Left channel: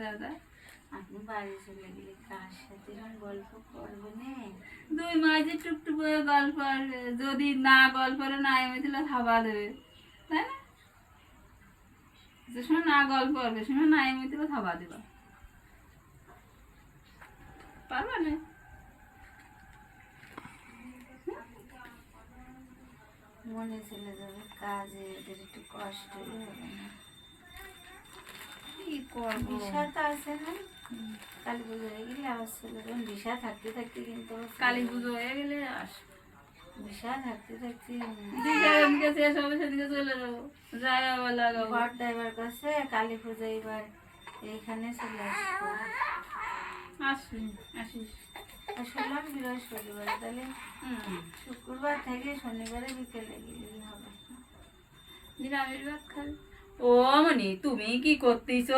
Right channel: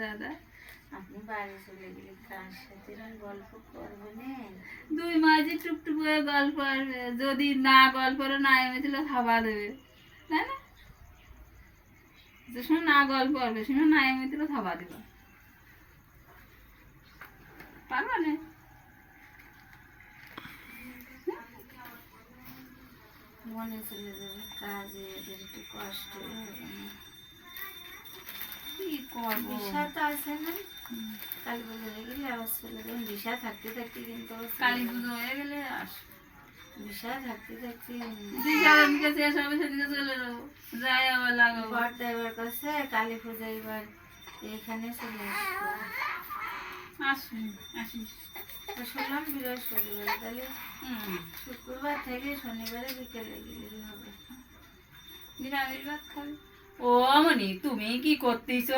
দাদা। আপনি বাড়ি চলে গেলে কার সাথে গল্প করবেন? 2 মাস যে টুকটুক করে গল্প আসবে, যদি না গল্পরে না এমেছিল থাবা দেবে, তাই না? যে সময় না গল্প আসবে সে সময় না এমেছিল থাবা দেবা, পারবা না? মনে চলে যাবে কাজে, এদের একটু কষ্ট হবে না। কি করবো? দিশা তো আছে না, কালী পুজো হয়ে গেলে আবার চলে যাবেন। দিশা থাকতে থাকতে কিন্তু কালী পুজো হয়ে গেলে দিশা থাকতে থাকতে দিদিকে শেষ হবে, সেদিকে চলে যাবো, যাই আবার লাগাবো। বর ড্রাইভার কাছে কালী পুজো এবার এইখানে চলে আসবো। আসিস। শুনলাম বৃহস্পতিবার, তাহলে শুক্রবার থেকে শনিবারে বিকেলে গেলেই হবে। নিরামিষ ভাত খাবি? ও মনি, তুমি কি করতেছ?